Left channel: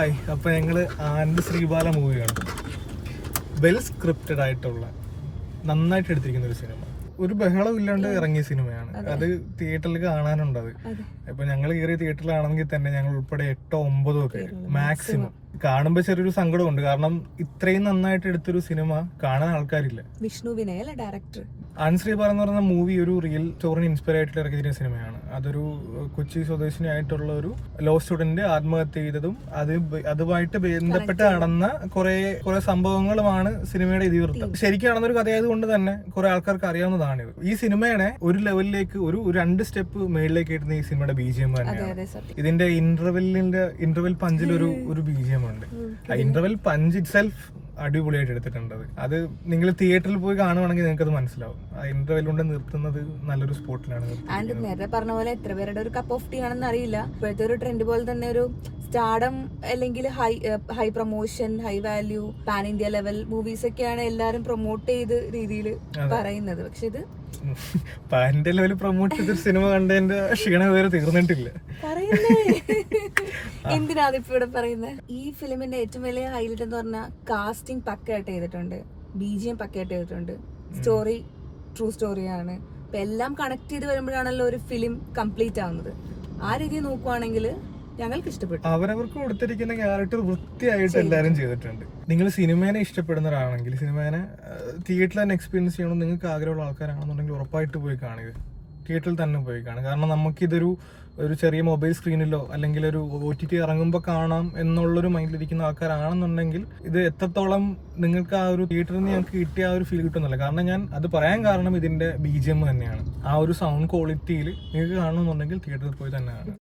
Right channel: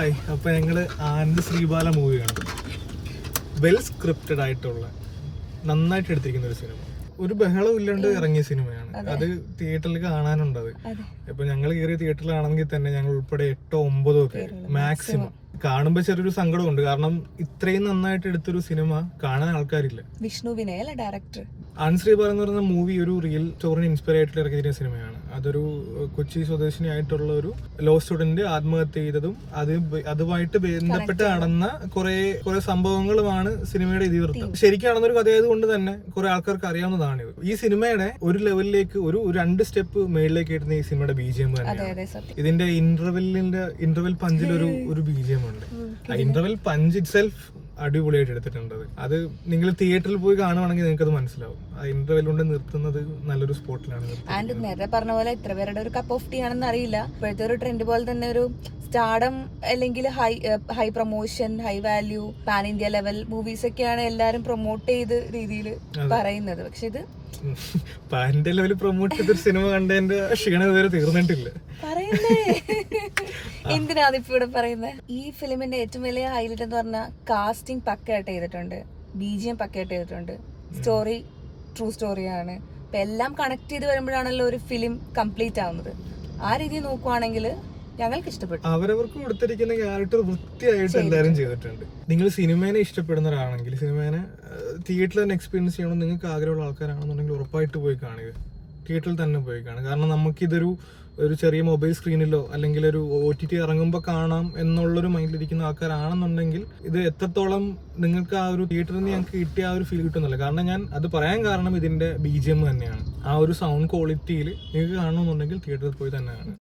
Hi, അപ്പൊ ഞങ്ങള് ആനന്ദ് ശ്രീബാല മൂവിയാണ്. വെൽ സ്ക്രിപ്റ്റഡ് ആയിട്ടുള്ള, നന്നായിട്ട് എടുത്തിരിക്കുന്ന ഒരു സിനിമ. ഒരു ബഹളം ഇല്ലാണ്ട് ഇറങ്ങിയ സിനിമയാണ്. അത് തിയേറ്ററിൽ കാണാനുണ്ട്. ഇപ്പൊ ഞങ്ങൾ കയറിയ തിയേറ്ററിലാണെങ്കിൽ തന്നെ ഞങ്ങൾ ഉൾപ്പെടെ 8 or 9 ഒക്കെ മാക്സിമം. കാണുമ്പോ ചെറിയൊരു സങ്കടമുണ്ട്, കാരണം ഇത്രയും നന്നായിട്ട് എടുത്തൊരു സിനിമ കാണാൻ ആൾക്കാരില്ല. വിഷ്ണു വിനയ് അല്ലേ ഡയറക്ടർ? ആനന്ദ് ശ്രീബാല എന്ന് പറയുന്ന മൂവി ഒരു റിയൽ സ്റ്റോറിന് ഇൻസ്പയർ ആയിട്ട് ഇറക്കിയ സിനിമയാണ്. അതൊരു കൊച്ചി സ്വദേശിനിയായിട്ടുള്ള ഒരു ലോ സ്റ്റുഡന്റ് ആത്മഹത്യ ചെയ്തതും അതുമായിട്ട് ബന്ധപ്പെട്ട് നടന്ന കുറെ സംഭവങ്ങളുമാണ് സിനിമയുടെ ഇതിവൃത്തം. ശരിക്കും നടന്നൊരു കഥയായതുകൊണ്ട് തന്നെ കുറെ ആൾക്കാർക്ക് അറിയാവുന്നതാണ് ഇത്. ഈ സിനിമയുടെ ഒരു ലെവലിലേക്ക് ഒരു 2 സ്റ്റെപ്പ് മേളിലേക്ക് ഇടുന്ന ഈ സിനിമയുടെ BGM തന്നെയാണ്. ഇതിന്റെ ഇന്റർവെൽ പഞ്ചിലൊരു BGM ഉണ്ട്. ഇന്റർവെൽ പഞ്ച് ഇറ്റ് സെൽഫ് അടിപൊളിയായിട്ട് എടുത്തിട്ടുണ്ട്. അത് നിങ്ങൾ തിയേറ്ററിൽ പോയി കാണുവാണെങ്കിൽ നിങ്ങൾക്ക് അത് മനസ്സിലാവും. ആ ഇന്റർവെൽ കൊണ്ട് നിർത്തുന്നത് നല്ലൊരു സ്പോട്ടിലാണ്. ആൻഡ് നേരത്തെ പറഞ്ഞ പോലെ എത്ര പേരുടെ ഒരു കപ്പ് ഓഫ് ടീ ആണെന്ന് അറിയില്ല. ഇപ്പോഴത്തെ ഒരു ട്രെൻഡ് പോലെ തന്നെ ഒരു സ്റ്റാർഡം അല്ലെങ്കിൽ high promotion, high value, pan India level movies ഒക്കെയാണ് എല്ലാരും പ്രൊമോട്ട് ചെയ്ത് രീതിയിൽ പറയുന്നത്. പക്ഷെ ഇത് പാൻ ഇന്ത്യ ലെവൽ പ്രൊമോട്ട് ചെയ്തൊരു സിനിമ കണ്ടതിന്റെ ക്ഷീണം ഇതുവരെ തീർന്നിട്ടില്ല. എന്തിനാ അതിപ്പോ ഇവിടെ പറയുന്നത്? ഈ ഫിലിമിന്റെ ഏറ്റവും വലിയ ഹൈലൈറ്റ് എന്ന് പറഞ്ഞാൽ കാസ്റ്റിംഗ് പക്കയായിട്ട് ചെയ്തിട്ടുണ്ട്, BGM പക്കയായിട്ട് ചെയ്തിട്ടുണ്ട്, സ്റ്റോറി ട്രൂ സ്റ്റോറിയാണ്. ഇപ്പൊ എല്ലാം കണക്ട് ചെയ്ത് വരുമ്പോഴാണല്ലോ ഒരു ഫിലിം കംപ്ലീറ്റ് ആവുന്നത്. ആ രീതിയിൽ നോക്കുവാണെങ്കിൽ ഞങ്ങൾക്ക് ഇഷ്ടപ്പെട്ടു. അവരവർക്ക് കൊടുത്തിരിക്കുന്ന ക്യാരക്ടർ വൃത്തിയായിട്ട് എല്ലാവരും ചെയ്തിട്ടുണ്ട്. നിങ്ങൾ സിനിമേനെ ഇഷ്ടപ്പെടുന്ന ഒരാളാണെങ്കിൽ, സിനിമേനെ തിയേറ്ററിൽ തന്നെ എക്സ്പീരിയൻസ് ചെയ്യണം നിങ്ങൾക്ക് ആഗ്രഹമുള്ള ആൾക്കാരാണെന്നുണ്ടെങ്കിൽ ഉറപ്പായിട്ട് പോയി കാണുക. തിയേറ്ററിൽ തന്നെ പോയി കാണുക. കാരണം നമുക്കിതൊരു ചെറിയ മൊബൈൽ സ്ക്രീനിലോ അല്ലെങ്കിൽ ഒരു OTT ഇറങ്ങുമ്പോൾ കാണാം എന്നുള്ളൊരു മൈൻഡിലിരിക്കുന്ന ആൾക്കാരാണെന്നുണ്ടെങ്കിൽ ഇത് എത്രത്തോളം നിങ്ങൾക്ക് ആ ഒരു തിയേറ്ററിൽ നിന്ന് ഞങ്ങൾക്ക് കിട്ടിയ ആ ഒരു ഫീൽ കിട്ടുന്നില്ല. കാരണം ഞാൻ അത് പറയാൻ കാരണം ഇതിന്റെ BGM തന്നെയാണ്. ആ ഒരു സൗണ്ട് ക്വാളിറ്റിയിൽ നിങ്ങൾക്ക് കാണണമെന്നുണ്ടെങ്കിൽ തിയേറ്ററിൽ പോയി തന്നെ കാണുക.